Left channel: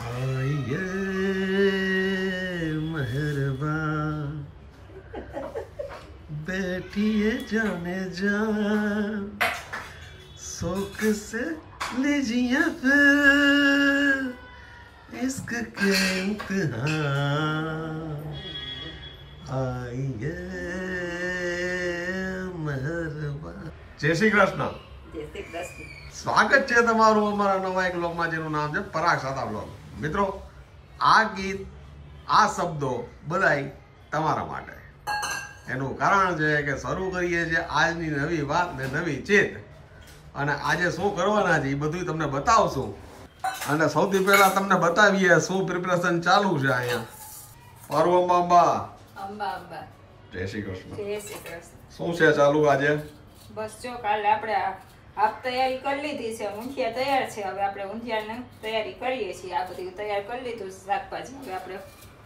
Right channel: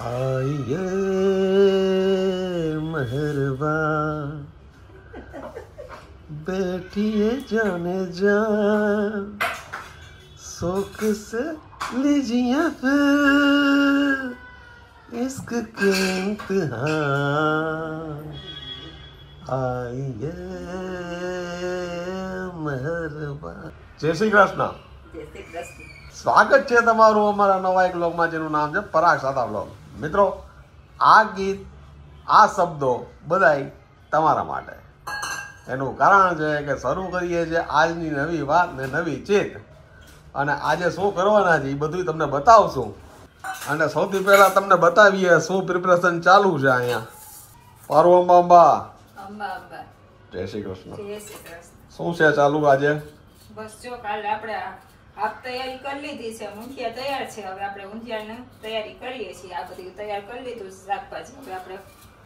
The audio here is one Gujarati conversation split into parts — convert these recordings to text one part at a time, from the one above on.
आइए मेहरबान बैठिए जाने जान शौक से लीजिए फिर इश्क के इम्तिहान आइए मेहरबान। जय श्री कृष्ण। જય શ્રી કૃષ્ણ। સ્વાગત છે તમારું અમારા નવા એક બ્લોગમાં જેનું નામ છે પરાગ સાદા બ્લોગ। મિત્રો આ ગીત આ શબ્દો બધાય તમારા માટે, એનું કારણ છે કે શરૂ કરીએ છીએ આજની નવી વાત ને નવી ચેત, અને આજે શું કરવાના છે એ બધું તમને બતાવશું। અને સૌથી પહેલા તમને બતાવીએ શું પ્રિપરેશન ચાલુ છે અહીંયા। પાર્વમાં અંબા જય શ્રી કૃષ્ણ। શું છે ચાલુ આજે? બસ જો કાલે આપણે આપ તૈયારી કરી લીધી છે, ઊંધિયા તૈયાર છે, હવે આપણે ઊંધિયાની તૈયારી કરીએ છીએ। આ બધું તૈયાર કરી લીધું શાકભાજી, હવે આપણે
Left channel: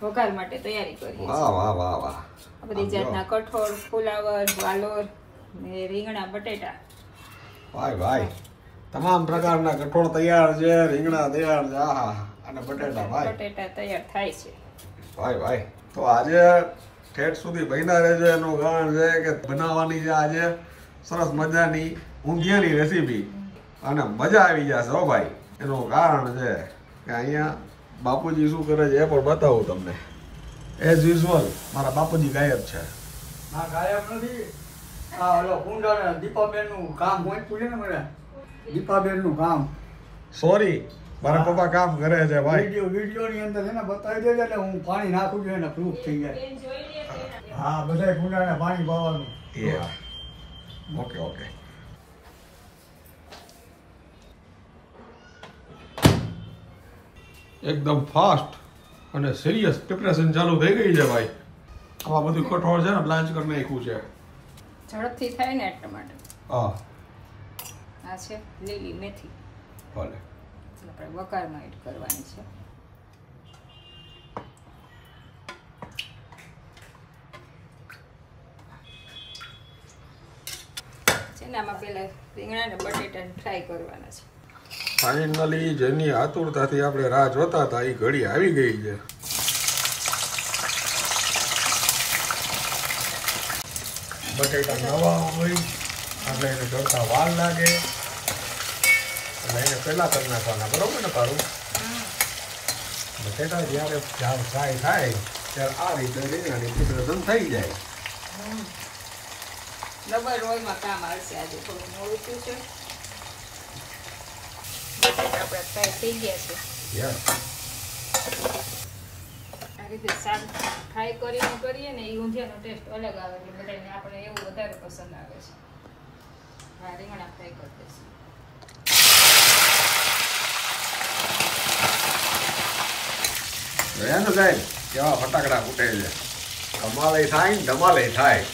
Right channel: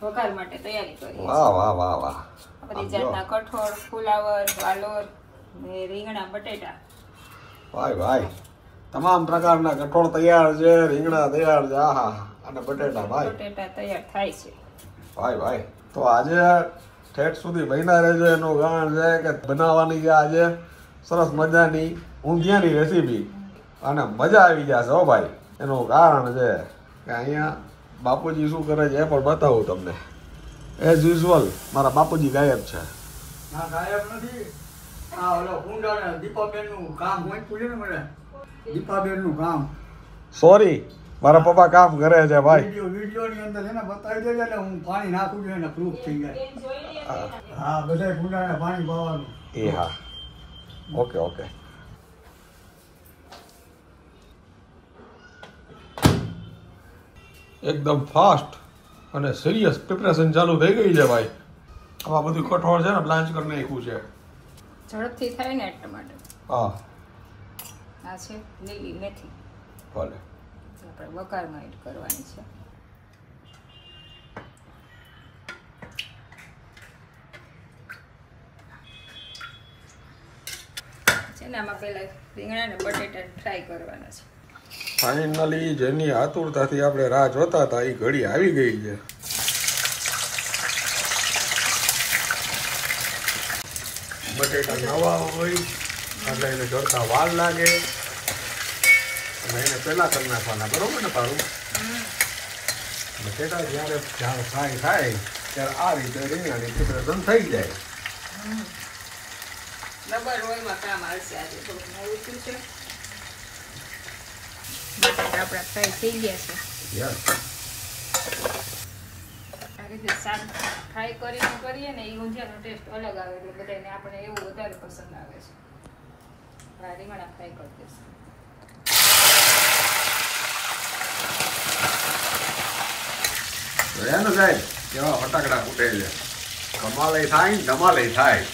વઘાર માટે તૈયારી કરીએ। વાહ વાહ વાહ વાહ। બધી જાતના કઠોળ, ફુલાવર, વાલોર ને રીંગણા બટેટા, ભાઈ ભાઈ તમામ પ્રકારના કઠોળ તૈયાર છે, રીંગણા તૈયાર છે, આહા, અને બટેટા ભાઈ બટેટા તૈયાર થાય છે ભાઈ ભાઈ। તો આજે ઠેઠ સુધી બન્યા રહેજો, એનું કારણ છે કે બનાવવાની છે આજે સરસ મજાની ઊંધિયાની રેસીપી, અને મજા આવી જશે હો ભાઈ। એનું કારણ છે કે અહીંયા બાપુજી શું કરે છે એ પણ બતાવું તમને। એઝ યુઝ્યુઅલ મારા બાપુજી ગાયબ છે। ના ગાયબ નથી, આ ઓલો કુંડાને દીપાબેનનું કામ હોય પૂછે ને મને, દીપાબેનનું કામ। સોરી, મારા પપ્પા કામ કરે છે ભાઈ। વિડીયોની અંદર છે ને બતાવી દેજે એટલે હું પાણી નાખું છું એને પ્રૂફ થઈ જાય। હા, બધાય કુંડાને પાણી પાવાનું। હા, ઓકે ઓકે। એકદમ ફાસ્ટ અને સિરિયસ પ્રિપરેશન ચાલુ થઈ ગઈ છે ભાઈ। આવા બધું કઠોળ છે ને બ્લાન્ચ કરી નાખ્યું છે ઝડપથી થાય ને એટલા માટે। હા, આ છે લીલી મેથી, ભલે આપણે વઘારમાં એડ કરવાની છે। આમાં પહેલા રીંગણા ને બટેટા ફ્રાય કરવાના છે। ફાઇનલી જેની આતુરતાથી આપણે રાહ જોતા હતા એ ઘડી આવી ગઈ છે। બટેટા નવા હોય એટલે એને જોતા વાર લાગે, એટલે એને પહેલા કરી નાખવાના, બરોબર ને તારું? બટેટા જ્યારે ફ્રાય થાય ત્યારે આ રીતે રીંગણાની પ્રિપરેશન થઈ જાય। ડબલ રોલમાં કામ આવશે। આજે થોડું મોડું થયું છે, બટેટા આપણે ફ્રાય થઈ ગયા છે। યસ, આ રીતે શાક ફ્રાય કરીને કરીએ ને એ ઊંધિયાનો ટેસ્ટ અલગ આવે, એટલે બધાને આપણે એવું વધારે પસંદ આવે છે। હા, રીંગણા ફ્રાય કરી દઈશું। એનું સાહેબ કેવા ફટાકડા ફૂટે છે, કમાલે થાય ધમાલે થાય।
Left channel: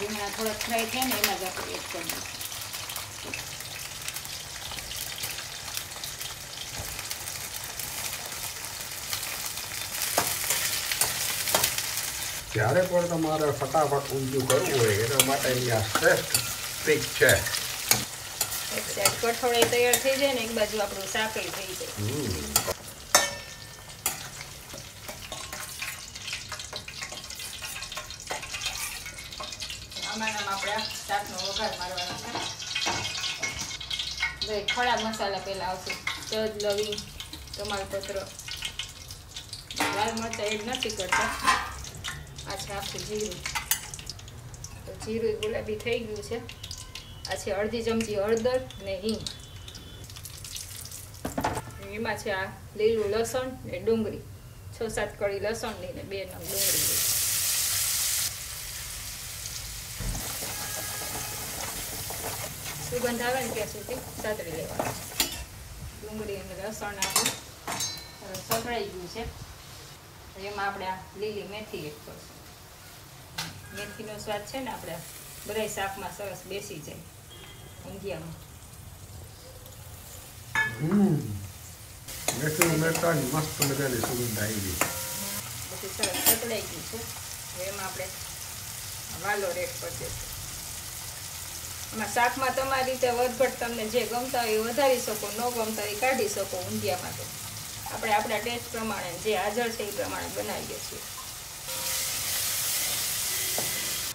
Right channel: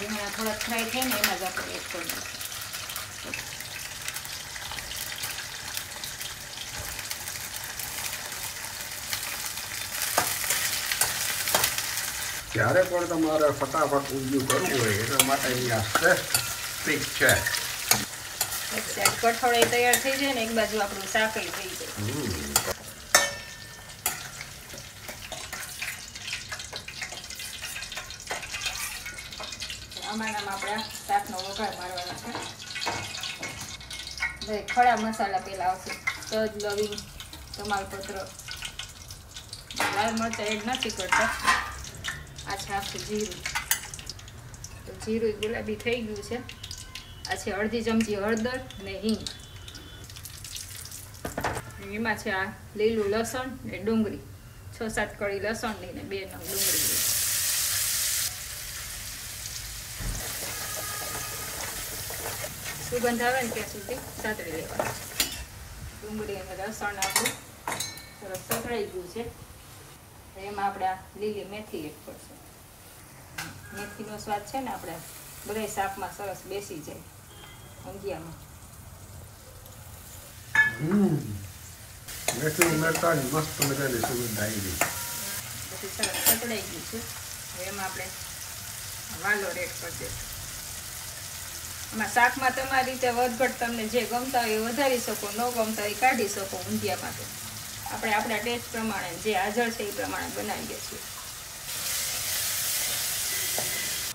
રીંગણા થોડાક ફ્રાય થાય ને એમાં જ આપણે એડ કરી દઈશું। જ્યારે પણ તમારે ફટાફટ ઊંધિયું કરવું હોય એના માટે અહીંયા શ્રેષ્ઠ ટ્રીક છે। એક સાઈડ કઠોળ તૈયાર થઈ જાય ને એક બાજુ આપણું શાક થઈ જાય। આમાં આપણે શાકનો વઘાર મારવાનો છે। ભાઈ ખડા મસાલા પહેલા આવશે, તજ, લવિંગ, તમાલપત્ર, લાલ મરચાં એડ નથી કરતા। આ છે આખું જીરું, તો જીરું ગુલાબી થઈ ગયું છે। આ છે અડધી ચમચી હળદર ને હિંગ, એમાં છે આ લીલું લસણ ને ડુંગળી, 6-7 કળી લસણની ને 2 નંગ ડુંગળી। સુગંધ આવે ને ત્યાં સુધી સાતળી લેવાનું। ડુંગળી અને લસણ આપણું સરસ સતળાઈ ગયું છે, એમાં આપણે આ લીલી મેથી એડ કરશું। મેથીનો સ્વાદ છે ને આપણે બધા શાકમાં સરસ બેસી જાય ઊંધિયામાં। મેથી ઉમેરતાની મસ્ત મજાની સુગંધ આવી ગઈ, પછી સરસ સતળાઈ ગયું છે। હવે એમાં આપણે વાલોર એડ કરી દઈશું। એમાં શાકમાં તમારી રીતે વધઘટ તમને જે ગમતા હોય એ વધારી શકો, ન ગમતા હોય કાઢી શકો ઊંધિયામાં। તો આપણે આપણા ટેસ્ટ પ્રમાણે જે હાજર છે એ પ્રમાણે બનાવી દઈશું.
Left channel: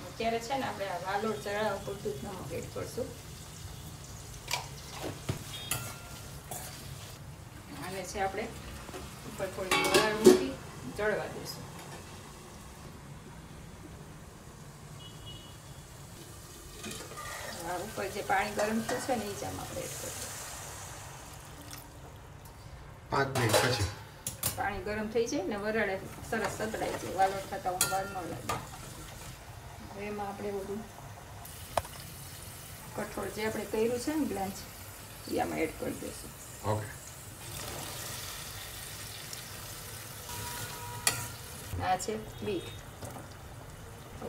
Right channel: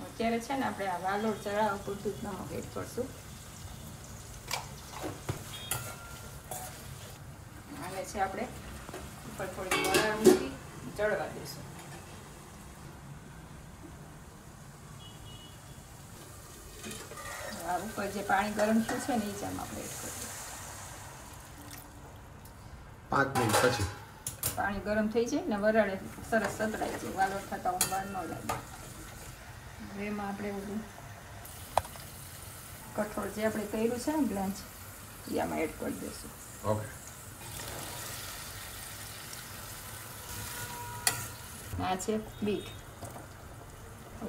અત્યારે છે ને આપણે આ વાલોડ ચડાવવા પૂરતું જ નમક એડ કરશું. આને છે આપણે ઉપર થોડી વરાળ મૂકી ચડવા દઈશું. ઉપર જે પાણી ગરમ થયું છે ને એ જ આમ આપણે એડ કરીશું. 5 મિનિટ પછી પાણી ગરમ થઈ જાય ને વરાળે સરસ સતળાઈ જાય, વાલોડ થતા વાર ન લાગે. હવે એમાં આપણે બધું કઠોળ જે આપણે કર્યું છે ને બ્લાન્ચ એ આમાં એડ કરી દઈશું. ઓકે. આ છે બીટ,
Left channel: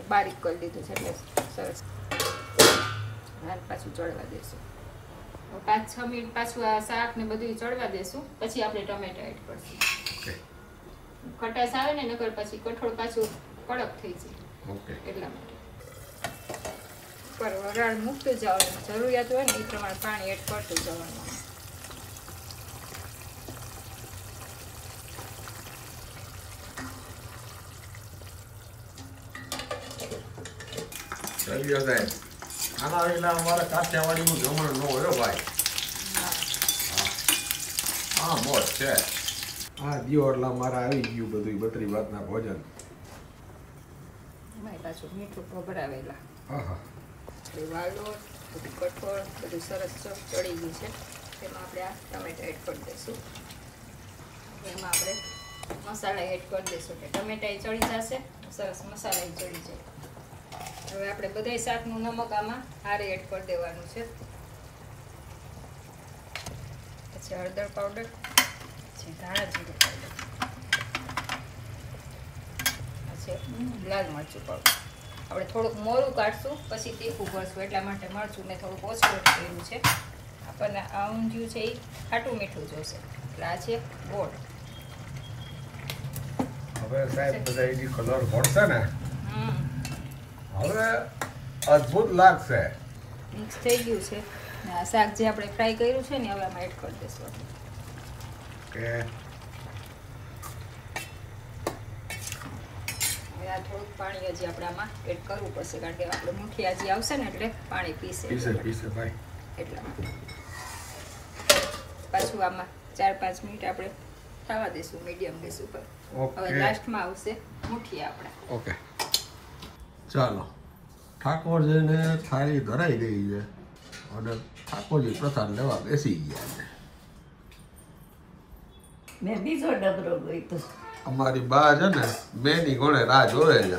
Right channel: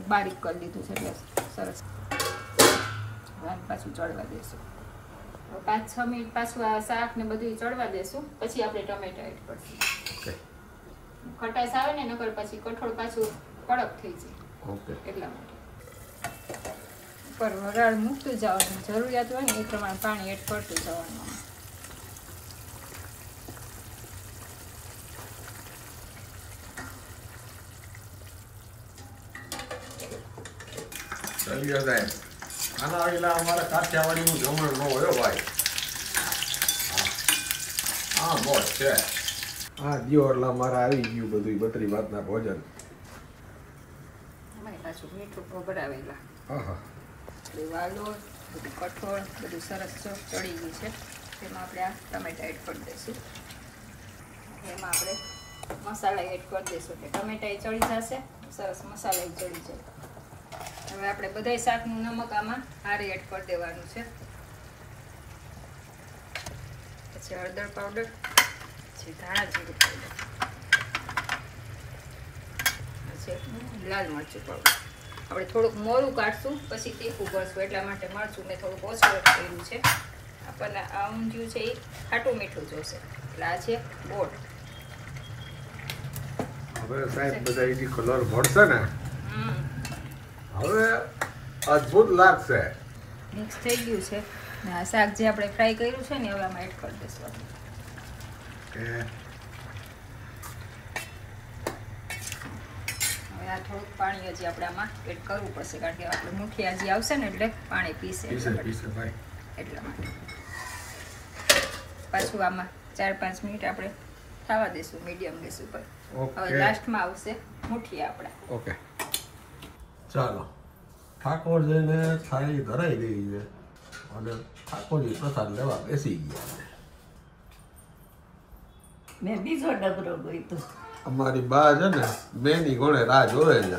બારીક કરી દીધું છે એટલે સરસ. પાછું ચડવા દેશું. 5-6 મિનિટ પાછું આ શાક ને બધું ચડવા દેશું, પછી આપણે ટમેટા એડ કરશું. ખટાશ આવે ને નકર પછી કઠોળ પાછું કડક થઈ જાય. ઓકે. એટલા માટે ઉપર વરાળ મૂકતું જવાનું, જરૂરિયાત હોય ને એ પ્રમાણે પાણી એડ કરતું જવાનું. આના વિના અમારે કાઠિયાવાડીનું જમણ ન હોય ભાઈ. હા મોજ છે. હા દિયો એટલે અમારે આવી ગયું બધું 32 ભાતના ભોજન. એમાં પાછું મીઠું ભભરાવેલા. આહા. વાલોડ બધું કઠોળ બધું સરસ ચડી ગયું છે. તેમાં આપણે આ ટમેટા એડ કરી દઈશું. એમાં આપણે મસાલા એડ કરી દઈશું એટલે ટમેટા ચડી જશે, સરસ મસાલા ચડી જાય. હવે આપણે બધાય શાકનું નમક આમાં હારે એડ કરી દેવાનું છે. પછી હળદર પાવડર, પછી ધાણા જીરું પાવડર, પછી લાલ મરચું પાવડર. આપણે થોડુંક મોરું કાઢશું પછી તીખું કરશું એટલા માટે મરચું ને થોડુંક ઓછું એડ કર્યું છે. આપણને આ ઊંધિયું છે એ ખાટું મીઠું જોશે એટલે આ છે ગોળ. હવે સાહેબ બધા એની કલર ભરશે ને હવે અદ્ભુત લાગશે. મિક્સ થઈ ગયું છે. આ શાક જે આપણે ફ્રાય કર્યું છે ને હવે આમાં એડ કરી દઈશું આપણે. કે હવે આ થોડુંક પાણી હજી આપણે આમાં એડ કરવું પડશે કારણ કે આપણે મુઠિયા હજી આવશે ને એટલે પાણી પીશે ભાઈ. એટલા માટે પાછું આમાં 4-5 મિનિટ આપણે થવા દઈશું મીડિયમ ગેસ ઉપર. હવે લાસ્ટમાં આવશે મુઠિયા આપણા. ઓકે ચાલો. ઠાકોરજીને થાળી ધરાઈ ગઈ છે અને ઠાકોરજી પ્રસાદ લેવા બેસી ગયા છે. મેં બીજો ડબરો ગોઈતો. અમારી બા છે ને બેની ઘોડે રાહ જોવે છે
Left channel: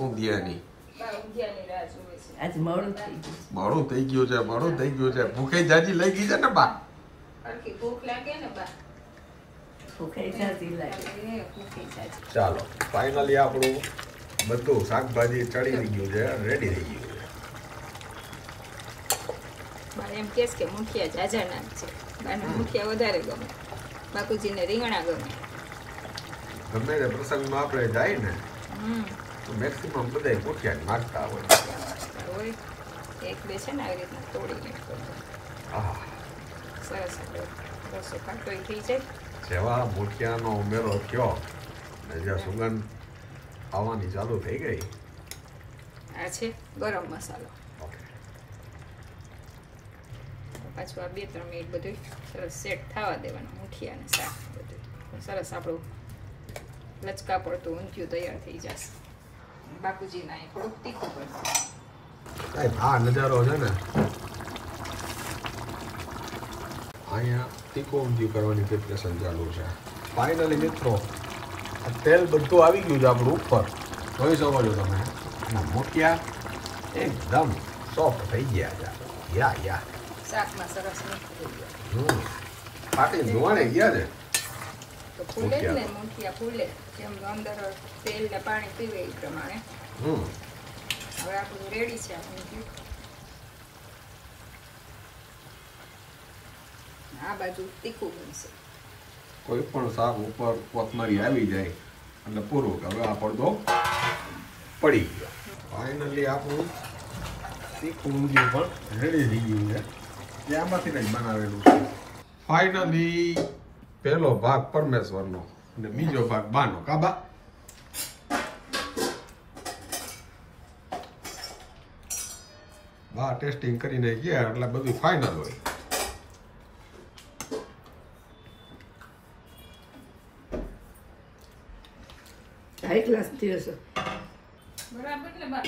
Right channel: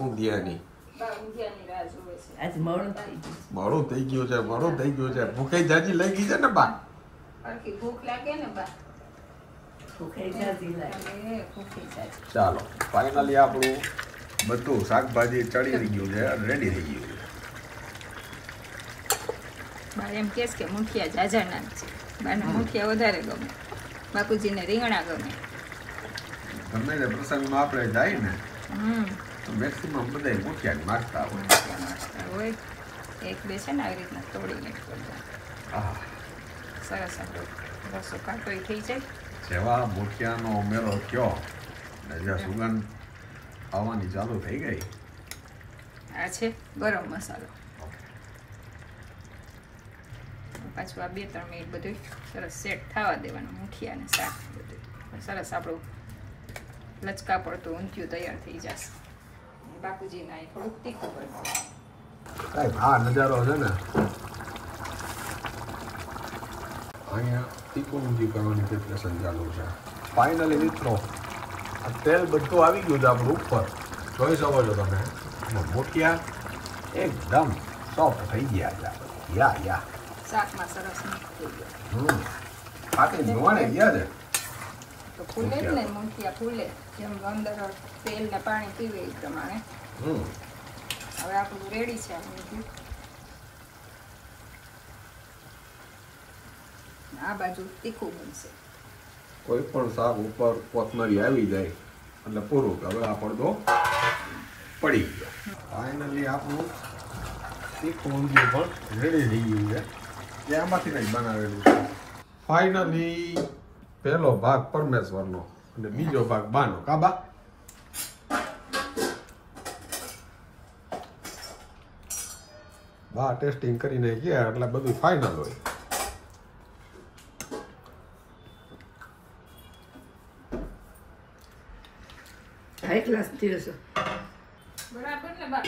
ઊંધિયાની. આજ મોડું થઈ ગયું. મોડું થઈ ગયું છે, મોડું થઈ ગયું છે. ભૂખે જાજી લઈ ગઈ છે ને બા. આખી ભૂખ લાગે ને બા. ભૂખે જાતી લાગે. ચાલો ફાઇનલી આપણું બધું શાકભાજી ચડી ગયું છે, રેડી થઈ ગયું છે. મને એમ કહેશ કે મુઠિયા જાજા નામ છે, અને મુઠિયા વધારે ગમે. બાપુજીને રીંગણા ગમે. ગમે તે પ્રસંગમાં આપણે જાય ને તો મેક્સિમમ બધા મુઠિયા માગતા હોય. એક બે છે ને આવી રીતના તોડીને હા સરસ આપણો રસો કાટોય થઈ જાય. જેવા મુઠિયાનો ઉમેરો થયો ને જે સુગંધ આવવાની ચાલુ થઈ ગઈ. આ છે ગરમ મસાલો. પાછું આ 2-3 મિનિટ બધું સરસ સેટ થવા દેવાનું મુઠિયા અને શાક બધું સરસ આપણું લચકા પડતું ઊંધિયું તૈયાર થઈ જશે. બાપુજીના અહીં થોડુંક તીખું કરવું. સાહેબ આ નજારો છે ને અહીંયા તીખું ઊંધિયું કરવાની પ્રિપરેશન ચાલુ છે. ફાઇનલી મિત્રો આ તેલ બધું આવી ગયું છે આપણું ઉપર, જોઈ શકો છો તમે. અને મુઠિયા એકદમ સોફ્ટ થઈ ગયા છે. યા શાકમાં સરસ મીઠું થઈ ગયું. ફાટી ધોવાણે ગયા છે. તો ફૂલે જ ને મુઠિયા ફૂલે જેમ અંદર તેલ ને પાણી પીવે એ પ્રમાણે. હવે આપણું રેડી છે. આ બાજુ તીખું બનશે. કોઈ પણ શાક ઉપર કોથમરી આવી જાય એટલે પૂરું. હવે આ પડદો પડી ગયો. ફાઇનલી આપણું તીખું ઊંધિયું પણ રેડી થઈ ગયું છે. જે આમાંથી કંઈક બનાવેલું છે. ફાઇનલી પહેલો ભાગ પરમેશ્વરનો અને બીજો ભાગ બાનો. કાબા બા ટેસ્ટિંગ કરીને ગયા એટલે બધું ફાઇનલ હોય. હાઈ ક્લાસ થયો છે. બરાબર ને બા?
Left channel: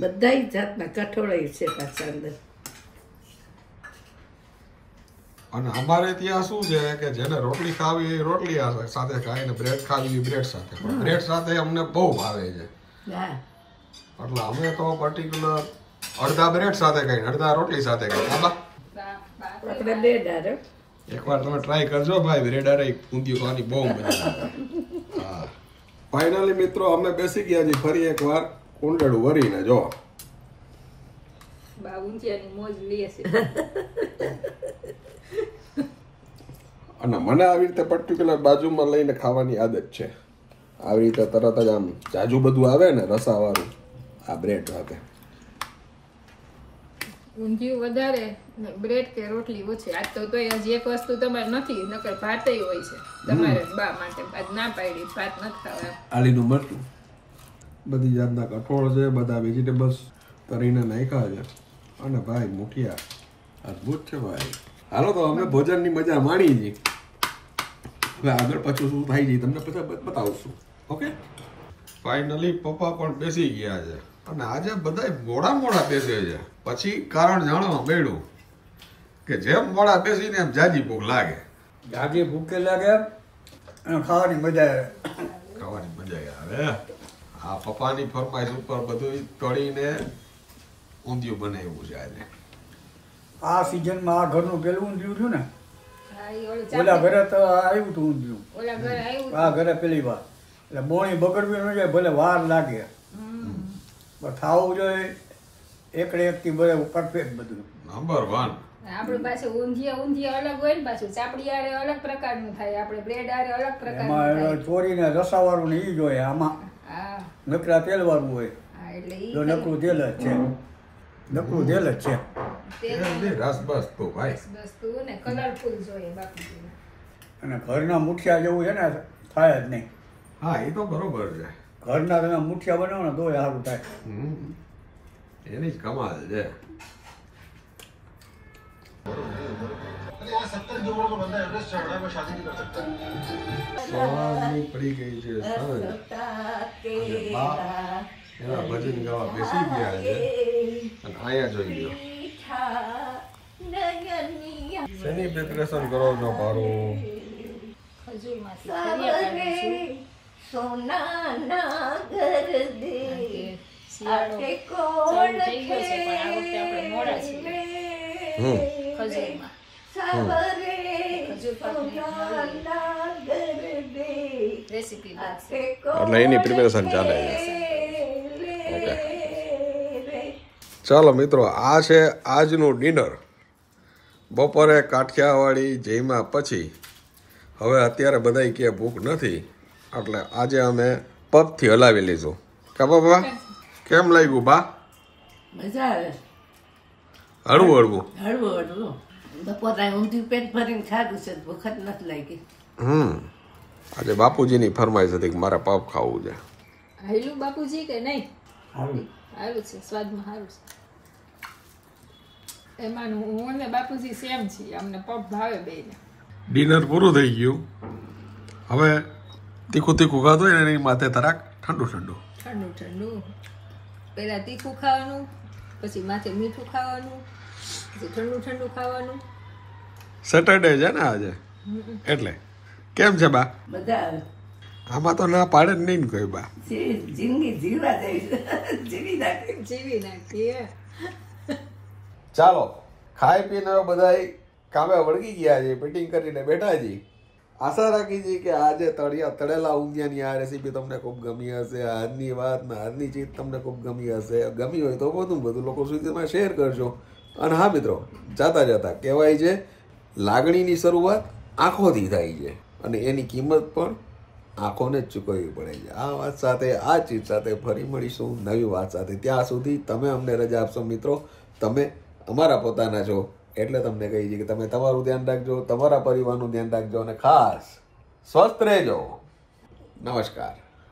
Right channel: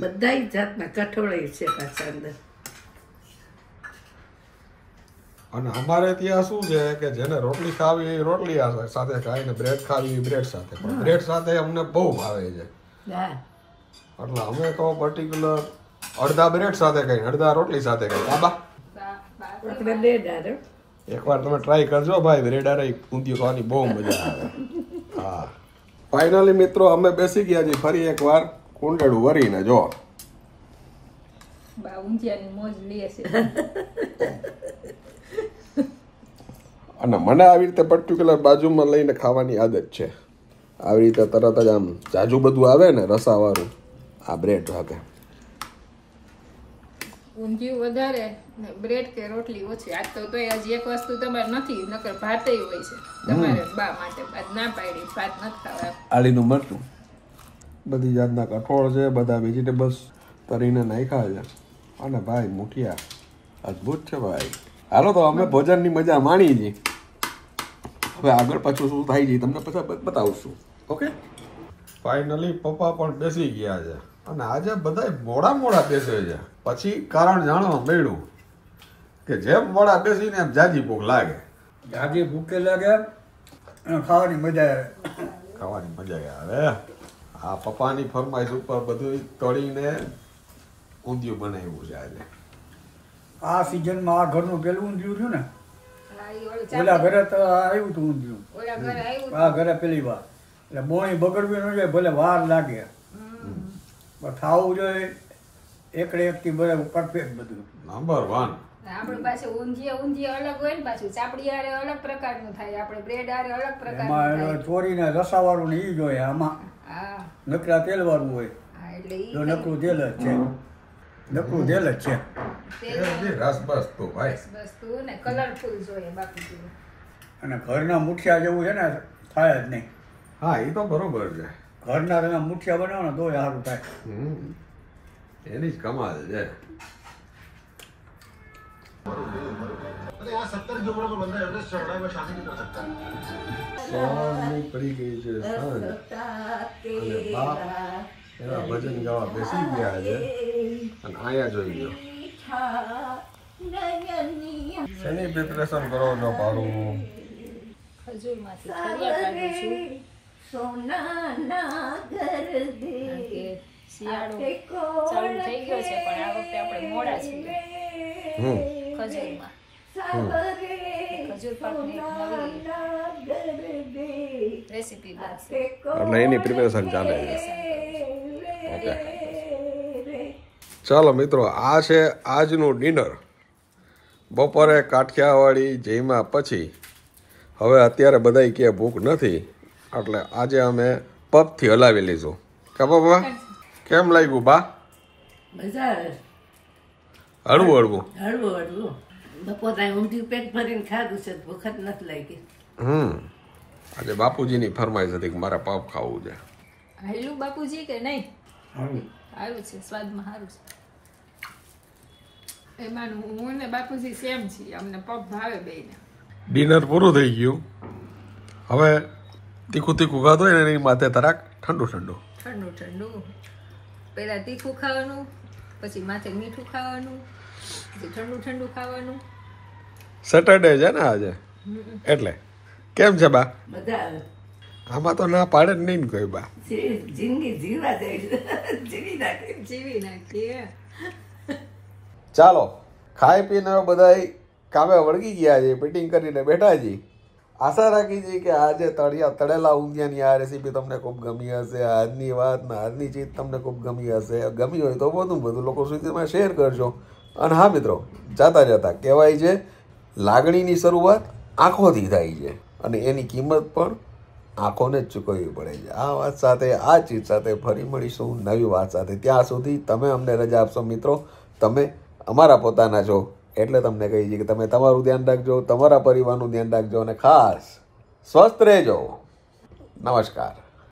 બધા જાતના કઠોળાઈ છે પાછા અંદર. અને અમારે ત્યાં શું છે કે જેને રોટલી ખાવી એ રોટલી સાથે ખાય ને બ્રેડ ખાવી એ બ્રેડ સાથે. પણ બ્રેડ સાથે અમને બહુ ભાવે છે હા, એટલે અમે તો પર્ટિક્યુલર અડધા બ્રેડ સાથે ખાઈ અડધા રોટલી સાથે ખાઈ. કાબા આપણે બે ડારો. એકવાર તમે ટ્રાય કરજો ભાઈ, બ્રેડ અરે ઊંધિયું ખાવાની બહુ મજા આવે. હા, ફાઇનલી મિત્રો અમે બેસી ગયા છીએ ફરી એકવાર કુંડળું વરીને. જો બા ઊંધિયાની મોજ લે છે. અને મને આવી રીતે પર્ટિક્યુલર બાજુમાં લઈને ખાવાની આદત છે. આવી રીતે તરત જ આમ જાજુ બધું આવે ને રસાવાળું આ બ્રેડ સાથે. ઊંધિયું વધારે ને બ્રેડ કે રોટલી ઓછી. આજ તો તોય હજી એક વસ્તુ તમારે નથી, નકર ભાત હોય છે તમારે બા માટે. આજ ના પાડી ભાત નથી ખાવા. આલીનું મરચું, બધી જાતના કઠોળ છે, બધા વેજીટેબલ્સ તરીને નાખ્યા છે. અને ભાઈ મુઠિયા અદ્ભુત છે ભાઈ. હાલો તો અમે ભોજનની મજા માણી છીએ. હવે આગળ પાછું શું થાય છે તમને પછી બતાવશું. ઓકે, ફાઇનલી પપ્પા પણ બેસી ગયા છે અને આજે બધા મોડા બેસે છે. પછી કારણ જાણવા મળ્યું કે જેમ મોડા બેસીને એમ જાજી ભૂખ લાગે. જાજી ભૂખે લાગે અને ખાવાની મજા આવે. ખાવાની મજા આવે. આ પપ્પાની ફરમાઈશ ઉપર બધું તળીને ઊંધિયું બનાવ્યું છે આજે. આ સિઝનમાં આ ઘરનું પેલું ઊંધિયું થયું ને, હા, ઈ ઓલું ઓલા ઘરે તો આવ્યું હતું ઊંધિયું. ઓલા ઘરે આવ્યું. આ ઘરે પેલી વાર એટલે બોણી બગડવી ન જાય, ભલે વાર લાગે પણ ખાવું જોઈએ એકડે એકથી બધું પરફેક્ટ બધું. નંબર 1. આપણી પાસે ઊંધિયા અલગ હોય ને, પાછું ચાપડી આરે અલગ પ્રકારનું થાય, આપણે બ્રેડ આરે અલગ પ્રકારનું એમાં થાય. ચોરીને રસાવાળું ને ઈ જોઈએ. આમાં હા નકરા તેલવાળું હોય. હા, એટલે ઈ જો નકરું તેલ જ છે, નકરું તેલ જ છે. રસ બસ તો ભાઈ. બસ તું ને કલરફુલ જોઈએ બાપુજી. અને ઘરના મુઠિયા જેવું છે ને થાય જ નહીં. હા, એ તો બરોબર છે. ઘરના તમે મુઠિયા બનાવો ને તોય સારું થાય. એની જ કમાલ છે. સોની પડી ગઈ છે સાંજ. અને બા એના ભજન ગાવા બેસી ગયા છે અને અહીંયા જોઈ લો શેની પ્રિપરેશન કરો છો પારું? ખજૂરમાંથી ખરિયા કાઢું છું. કારણ કે શિયાળો ચાલુ થઈ ગયો છે, પણ આ વખતે આપણે મોડા છીએ ખજૂરમાં. ખજૂર પાકની એક નવી રેસીપી બનશે. એટલે એની પ્રિપેરેશન ચાલે છે. ઓકે, ચાલો મિત્રો, આ છે આજનું ડિનર. બપોરે કાઠિયાવાડી જમ્યા પછી હવે અત્યારે બધાય કે ભૂખ નથી, એટલે આજે અમે પગથી હલાવી લીધું. કા બાબા, કેમ લાગ્યું બા? મજા આવે. હળવું હળવું. હળવું હળવું. બપોરે ઊંધિયું પેટ ભરીને ખાધું છે, ભૂખ જ નથી લાગી. આજે બાપુજીની ફરમાઈશ હતી કે મારે પગ ખાવું છે. હાલ્યું બાપુજી કે નહીં? સારું. આવ્યું છે, સ્વાદમાં સારું છે. એમાં હું ને બાપુજી સેમ છીએ, અમને પગ ભાવે બેયને. ડિનર પૂરું થઈ ગયું. હવે તીખું તીખું ખાધું હોય ને એની માથે તરાક ઠંડુ ઠંડુ. ઠંડુ ઠંડુ. પહેલા તીખું ખાવાનું, પછી માથે મીઠું ખાવાનું, પછી ઠંડુ ઠંડુ ખાવાનું. સેટરડે છે ને આજે, એટલે કેમ છે બા? બધા આવે. આમાં તો ના પાડે જ નહીં ને કોઈ બા. જિંદગી જીવા જાય, જીવી નાખી. જીવી નાખીએ. ચાલો, ખાઈ પીને બધા કામે વળગી ગયા છે, મીટિંગ કરીને બેઠા છીએ. આશા રાખી છીએ કે આજે તળેલા ઊંધિયાની આ રેસીપી તમને ખૂબ ગમી હશે. આજની વાત ને આજની ચીજ તમને ખૂબ ગમી હશે. ગમી હોય તો બધું લોકો સુધીમાં શેર કરજો. અને હા મિત્રો, જાતા જતા કહેવાય છે લાગણીની શરૂઆત આંખોથી થાય છે અને એની કિંમત પણ આંખોને જ ચૂકવવી પડે છે. આ વાત સાથે, આ ચીજ સાથે ફરી મળીશું નવી વાત સાથે. ત્યાં સુધી તમે અમને રજા આપશો મિત્રો. તમે અમારા પોતાના છો. એટલે તમને કહી છે કે તમે તમારું ધ્યાન રાખજો, તમારા પરિવારનું ધ્યાન રાખજો અને ખાસ સ્વસ્થ રહેજો. નમસ્કાર.